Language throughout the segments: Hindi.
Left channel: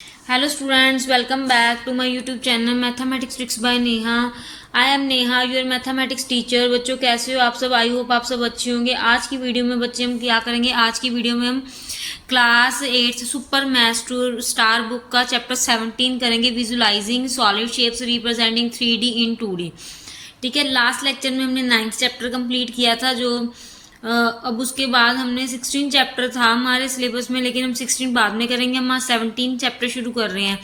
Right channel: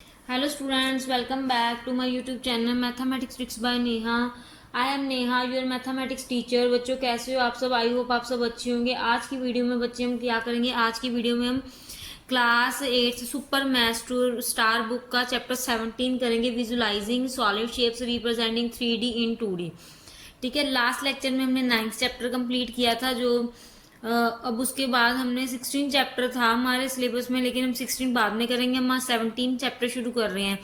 Hello students, welcome back to my YouTube channel Mathematics Tricks by Neha. I am Neha, your mathematics teacher. बच्चों कैसे हो आप सब? आई होप आप सब अच्छे होंगे। आज की वीडियो में बच्चे हम क्या करेंगे? आज की वीडियो में हम class 8 super maths to star book का चैप्टर 17 करेंगे, visualizing solid shapes representing 3D in 2D। ठीक है, लास्ट लेक्चर में हमने 9th चैप्टर कंप्लीट किया था, जो अब उसके बाद हमने 16 चैप्टर था हमारे सिलेबस में, लेकिन हम 16 बाद में करेंगे। हम आज 17 चैप्टर शुरू कर रहे हैं।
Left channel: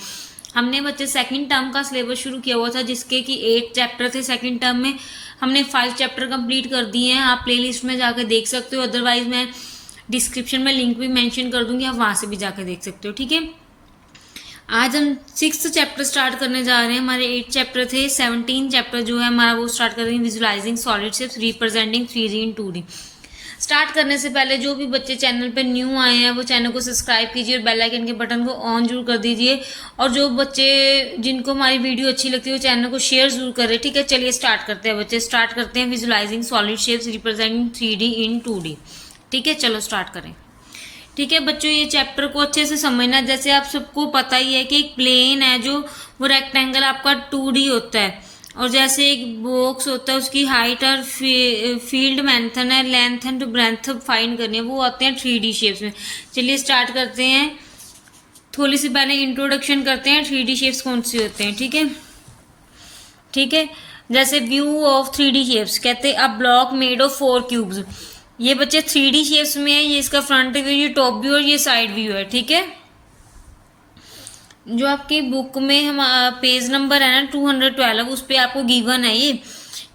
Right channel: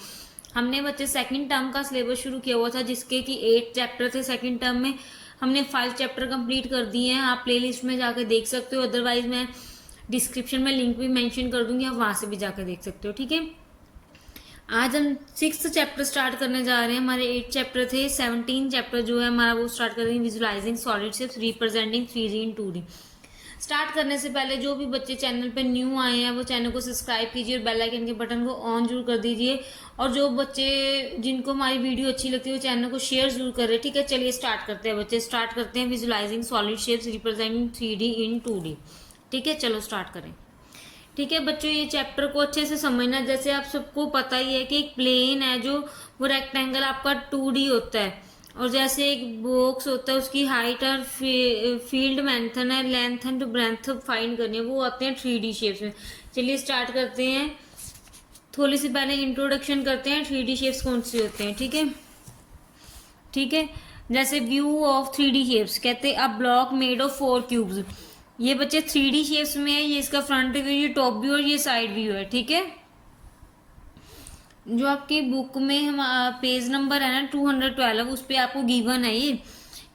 हमने बच्चे सेकंड टर्म का सिलेबस शुरू किया हुआ था, जिसके कि 8 चैप्टर थे। सेकंड टर्म में हमने 5 चैप्टर कंप्लीट कर दिए हैं। आप प्लेलिस्ट में जाकर देख सकते हो, अदरवाइज मैं डिस्क्रिप्शन में लिंक भी मेंशन कर दूंगी, आप वहां से भी जाकर देख सकते हो। ठीक है, आज हम 6th चैप्टर स्टार्ट करने जा रहे हैं। हमारे 8 चैप्टर थे, 17 चैप्टर जो है हमारा वो स्टार्ट कर रहे हैं, visualising solid shapes representing 3D in 2D। Start करने से पहले जो भी बच्चे चैनल पे न्यू आए हैं वो चैनल को सब्सक्राइब कीजिए और बेल आइकन के बटन को ऑन जरूर कर दीजिए। और जो बच्चे जिनको हमारी वीडियो अच्छी लगती है वो चैनल को शेयर जरूर करें। ठीक है, चलिए स्टार्ट करते हैं बच्चे। स्टार्ट करते हैं visualising solid shapes representing 3D in 2D। ठीक है, चलो स्टार्ट करें। ठीक है बच्चों, ये चैप्टर को अच्छे से समझना। जैसे आप सबको पता ही है कि एक प्लेन है, जो वो रेक्टेंगल आपका 2D होता है, और जैसे एक बॉक्स होता है उसकी हाइट और फील्ड मेंशन है, लेंथ एंड ब्रेंथ फाइंड करनी है, वो आते हैं 3D शेप्स में। चलिए स्टार्ट करते हैं। थोड़ी सी पहले इंट्रोडक्शन करते हैं, 3D शेप्स कौन से होते हैं। ठीक है, ठीक है। जैसे व्यू ऑफ 3D शेप्स कहते हैं, a block made of 4 cubes. ये बच्चे 3D शेप्स में है, ये इसका फ्रंट व्यू, ये टॉप व्यू और ये साइड व्यू है। ठीक है, जो आपकी बुक में हम पेज नंबर है ना 212, उस पर आपको गिवन है ये।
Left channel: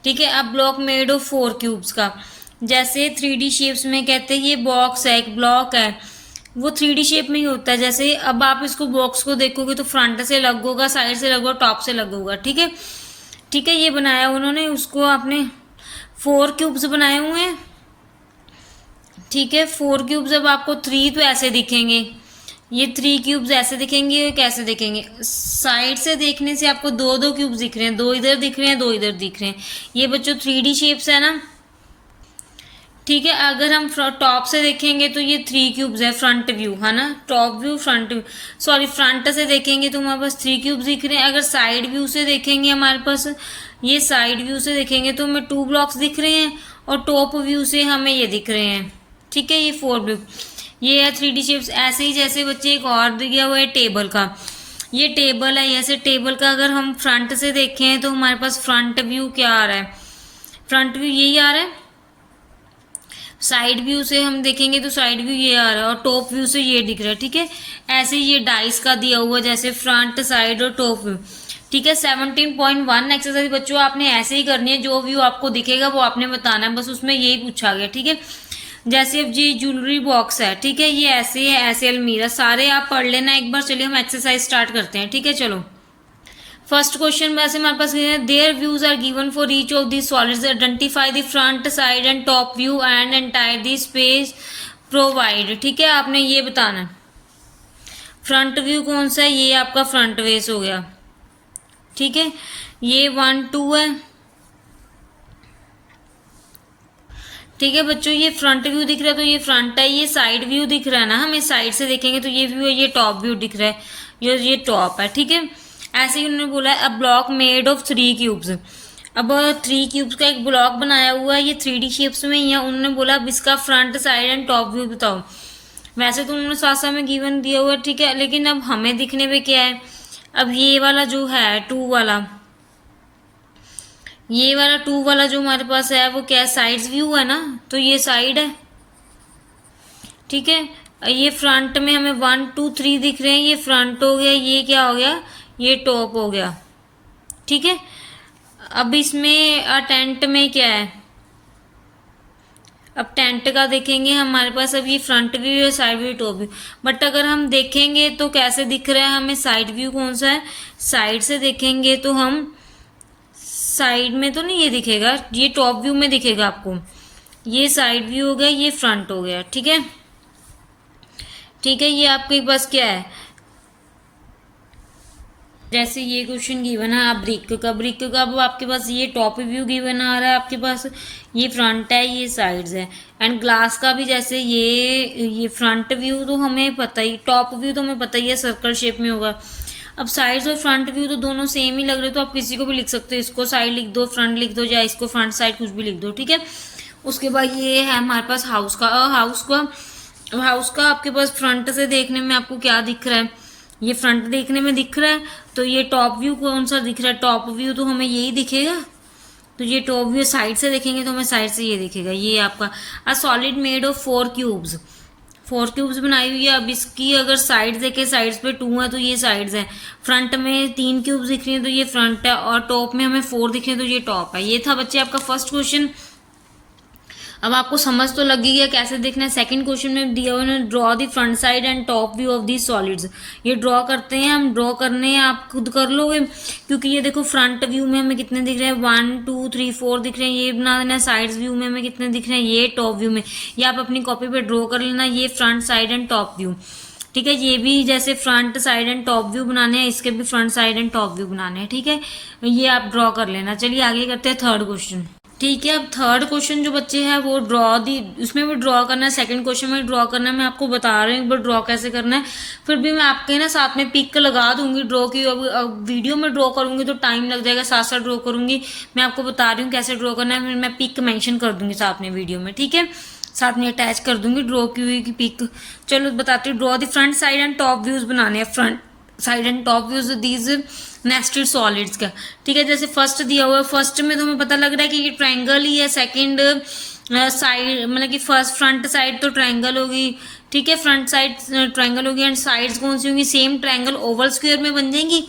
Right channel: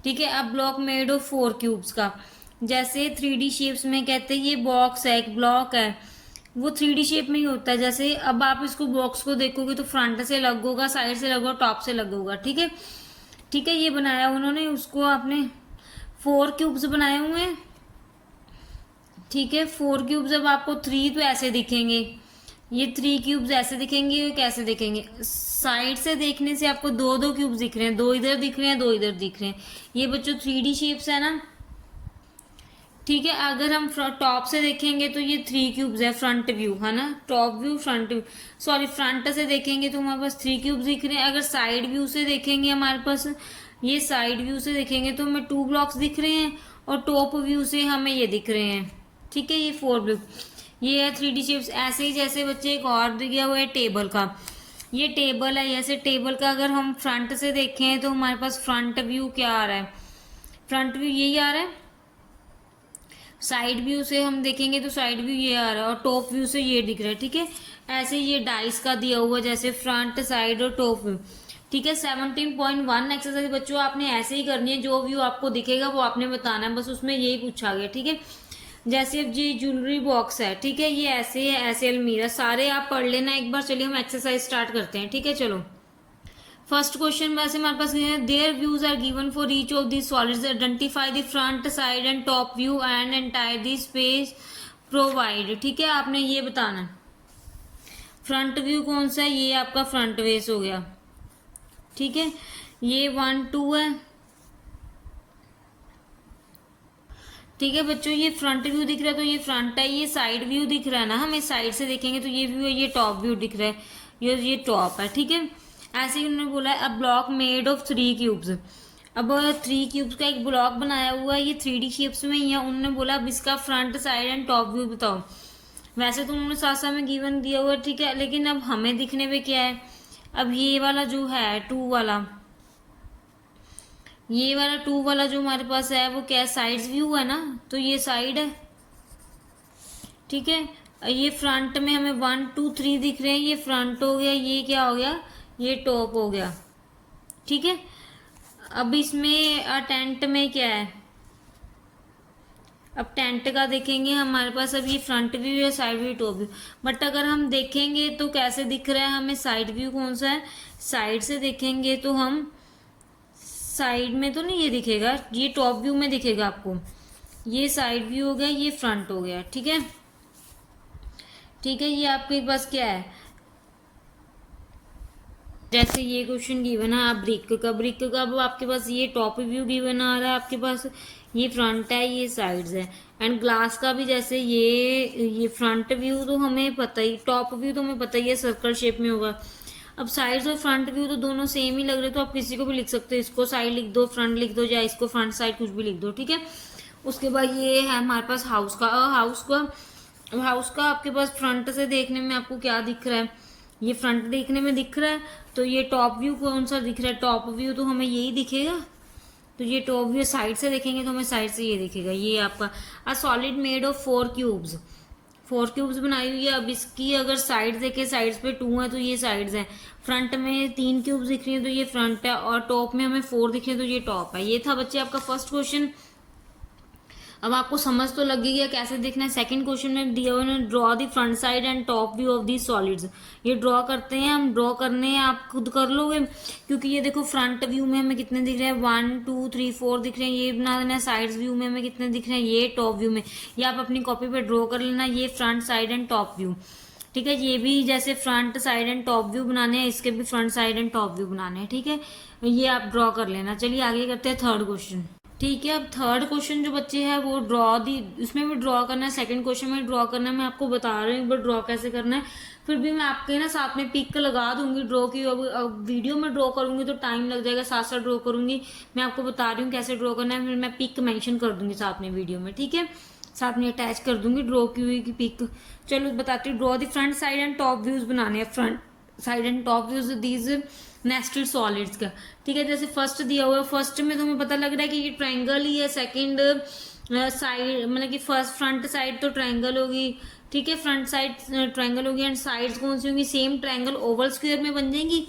ठीक है, अब ब्लॉक मेड ऑफ 4 क्यूब्स का, जैसे 3D शेप्स में कहते हैं ये बॉक्स है, एक ब्लॉक है, वो 3D शेप में ही होता है। जैसे अब आप इसको बॉक्स को देखोगे तो फ्रंट से लग होगा, साइड से लग होगा, टॉप से लग होगा। ठीक है, ठीक है, ये बनाया उन्होंने, उसको आपने 4 क्यूब्स बनाए हुए हैं। ठीक है, 4 क्यूब्स। अब आपको 3 तो ऐसे दिखेंगे, ये 3 क्यूब्स ऐसे दिखेंगे, और कैसे दिखेंगे? साइड से देखने से आपको दो दो क्यूब्स दिख रहे हैं, दो इधर दिख रहे हैं, दो इधर दिख रहे हैं। ये बच्चों 3D शेप्स है ना। ठीक है, अगर हम टॉप से देखेंगे तो ये 3 क्यूब्स है, फ्रंट व्यू है ना, top view front view, sorry front से देखेंगे तो हमारे पास 3 क्यूब्स दिख रहे हैं। अगर साइड व्यू से देखेंगे हमारे पास, ये साइड व्यू से देखेंगे तो हमें 2 ब्लॉक्स दिख रहे हैं, और टॉप व्यू से हमें ये दिख रहे हैं। ठीक है, ये 4 व्यू, ये है 3D शेप्स। ऐसे ही जैसे बच्चे एक और दिया हुआ है टेबल का, ये टेबल है। ऐसे टेबल का अगर हम फ्रंट से देखें तो हमारे पास फ्रंट व्यू क्या आ रहा है? फ्रंट व्यू यही आ रहा है। साइड व्यू से हम देखेंगे तो साइड व्यू ये आ रहा है, और टॉप व्यू से ये दिख रहा है। ठीक है, ऐसे ये डाइस का दिया हुआ, जैसे फ्रंट, साइड और टॉप व्यू। ठीक है, 17.1 एक्सरसाइज बच्चों आपने ऐसे ही करनी है, जो व्यू आपको दिखेगा वो आपने बताना है, बस उसमें यही पूछा गया। ठीक है, जैसे अब ये ज्वेलरी बॉक्स है, ठीक है, ये ऐसे है, ऐसे अलमीरा, सारे आप पढ़ लेना एक बार। चलिए हम एक्सरसाइज स्टार्ट करते हैं। ठीक है, चलो फर्स्ट क्वेश्चन वैसे हमारे पास है, there views are given for each of the solids, identify the front, side and top view and entire the space provide. ठीक है, आपने ये बताना फ्रंट व्यू कौन सा है, ये आपका फ्रंट फेस हो गया। ठीक है, ये 1 2 है। ठीक है बच्चों, ये फ्रंट व्यू दिख रहा है तो ये फ्रंट है, ये साइड व्यू दिख रहा है ना, हमें साइड से देखेंगे तो ये व्यू है, ये टॉप व्यू दिख रहा है, ये टॉप है। ठीक है, ऐसे ही उन्होंने बोला है, a block made of 3 cubes. अब 3 क्यूब्स का एक ब्लॉक बनाया हुआ है, ये 3D शेप्स में ही है। उन्होंने बोला अब इसका front, side and top view बताओ। वैसे तो उन्होंने साथ साथ में गिवन दिया हुआ है, ठीक है, लेकिन अब हमें दिखने में क्या है? अब ये वाला जो है 2 वाला, ये वाला 2 वाला जो हमारे पास है वो क्या है? साइड व्यू है ना, तो ये साइड है। ठीक है, ये फ्रंट में हमें 1 2 3 दिख रहे हैं, ये फ्रंट हो गया, ये क्या हो गया? ये टॉप हो गया। ठीक है, अब इसमें टेंट में क्या है? अब टेंट का देखेंगे हमारे पास, अब ये फ्रंट व्यू है, side view, top view. But अगर हम देखेंगे तो कैसे दिख रहा है हमें? साइड व्यू कौन सा है? साइड से देखेंगे तो हम साइड में तो नहीं ये दिखेगा, ये टॉप व्यू में दिखेगा आपको। ये साइड व्यू हो गया, ये फ्रंट हो गया। ठीक है, ठीक है, ये आपके पास क्या है? जैसे ये क्वेश्चन गिवन है, आप ब्रिक का अब आपके पास ये टॉप व्यू गिवन आ रहा है आपके पास, ये फ्रंट है, ये साइड्स है। एंड ग्लास का भी जैसे ये फ्रंट व्यू तो हमें पता ही, टॉप व्यू तो हमें पता ही है सर्कल शेप में होगा। अब साइड्स और फ्रंट व्यू तो दोनों सेम ही लग रहे, तो आप किसी को भी लिख सकते हो, इसको साइड लिख दो, फ्रंट लिख दो, या इसको फ्रंट साइड कुछ भी लिख दो, ठीक है। उसके बाद ये है हमारे पास हाउस का आपके पास फ्रंट से देखने में आपको क्या दिख रहा है, ये फ्रंट देखने में दिख रहा है। तो ये टॉप व्यू कौन सा दिख रहा है, टॉप व्यू तो हमें यही दिखेगा। तो ये टॉप व्यू साइड से देखेंगे तो हमें साइड से ये दिखेगा, ये आपका a solid made of 4 cubes बनाई हुई है। अब इसकी अगर साइड्स देखें, साइड्स पे 2 है तो ये साइड्स है, फ्रंट में 3 क्यूब्स दिख रही है तो ये फ्रंट है, और टॉप में हमें 4 दिख रहे हैं तो ये टॉप है। ये था बच्चे आपका फर्स्ट क्वेश्चन। अब आपको समझ तो लगी गया कैसे देखना है। सेकंड क्वेश्चन में दिया हुआ है, draw the front side and top view of the solids. ये ड्रॉ करते हैं हम, ड्रॉ करने हैं आप खुद कर लोगे, क्योंकि ये देखो फ्रंट व्यू में हमें कितने दिख रहे हैं, 1 2 3 4 दिख रहे हैं, ये बना देना। साइड्स व्यू में हमें कितने दिख रहे हैं, ये टॉप व्यू में, ये आप अपनी कॉपी पे ड्रॉ कर लेना, ये front side and top view, ठीक है। ये भी जैसे front side and top view बनाने हैं, इसके भी front side and top view बनाने हैं, ठीक है। ये आप ड्रॉ कर लेना। चलिए आगे करते हैं थर्ड क्वेश्चन, ठीक है। अब थर्ड क्वेश्चन जो बच्चे हैं वो उसमें भी ड्रॉ करना है, सेकंड क्वेश्चन में ड्रॉ करना है। मैं आपको बता रही हूँ एक बार ड्रॉ कैसे करना है, फिर भी मैं आपके ना साथ में पिक लगा दूंगी ड्रॉ की। अब वीडियो में ड्रॉ करूंगी तो टाइम लग जाएगा, साथ साथ ड्रॉ करूंगी। मैं आपको बता रही हूँ कैसे ड्रॉ करना है, फिर मैं पिक मेंशन कर दूंगी साथ में वीडियो में, ठीक है। साथ में अटैच कर दूंगी ड्रॉ की हुई की पिक। चलो बताती हूँ। Draw the front side and top views बनाने हैं, front side and top views these nested solids का, ठीक है। जैसे फर्स्ट दिया हुआ है, फर्स्ट में तो हमें पता लग रहा है कि ये ट्रायंगल ही है। सेकंड साइड मतलब कि फर्स्ट फ्रंट साइड तो ट्रायंगल होगी, ठीक है, फ्रंट साइड ट्रायंगल होगी। एंड साइड्स कौन सी होंगी, सेम ट्रायंगल ओवल स्क्वायर में बन जाएंगी।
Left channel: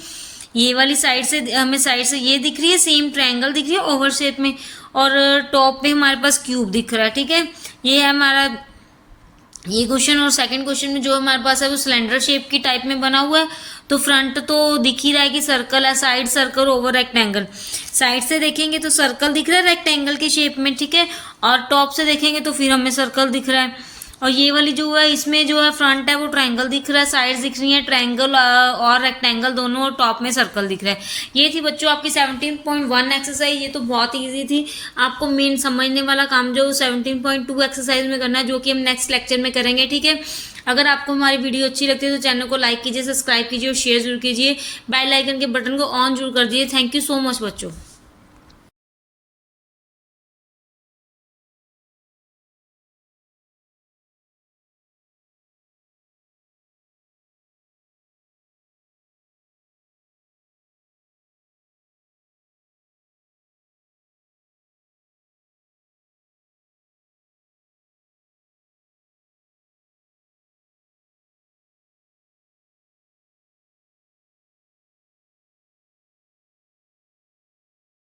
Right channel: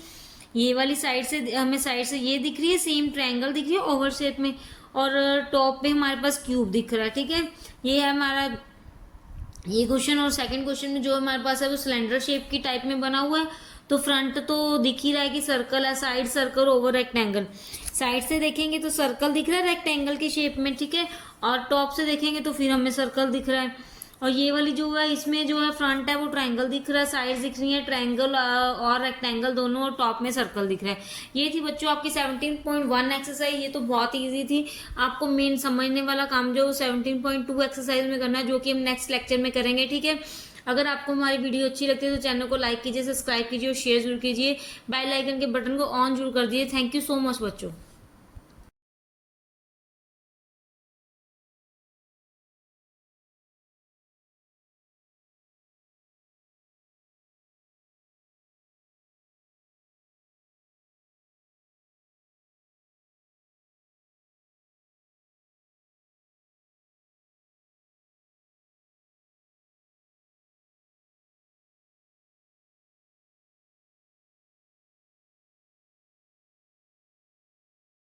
ये वाली साइड से हमें साइड से ये दिख रही है, सेम ट्रायंगल दिख रही है ओवल शेप में, और टॉप पे हमारे पास क्यूब दिख रहा है, ठीक है। ये है हमारा ये क्वेश्चन। और सेकंड क्वेश्चन में जो हमारे पास है वो सिलेंडर शेप की टाइप में बना हुआ है। तो फ्रंट तो दिख ही रहा है कि सर्कल है, side circle over rectangle. Side से देखेंगे तो सर्कल दिख रहा है रेक्टेंगल के शेप में, ठीक है। और टॉप से देखेंगे तो फिर हमें सर्कल दिख रहा है। और ये वाली जो है इसमें जो है फ्रंट है वो ट्रायंगल दिख रहा है, साइड्स दिख रही है ट्रायंगल और रेक्टेंगल दोनों, और टॉप में सर्कल दिख रहा है। ये थी बच्चों आपकी 17.1 एक्सरसाइज। ये तो बहुत ईजी थी। आपको मेन समझने वाला काम जो 17.2 एक्सरसाइज में करना है, जो कि हम नेक्स्ट लेक्चर में करेंगे, ठीक है। अगर आपको हमारी वीडियो अच्छी लगती है तो चैनल को लाइक कीजिए, सब्सक्राइब कीजिए और शेयर जरूर कीजिए। बेल आइकन के बटन को ऑन जरूर कर दीजिए। थैंक यू सो मच बच्चों।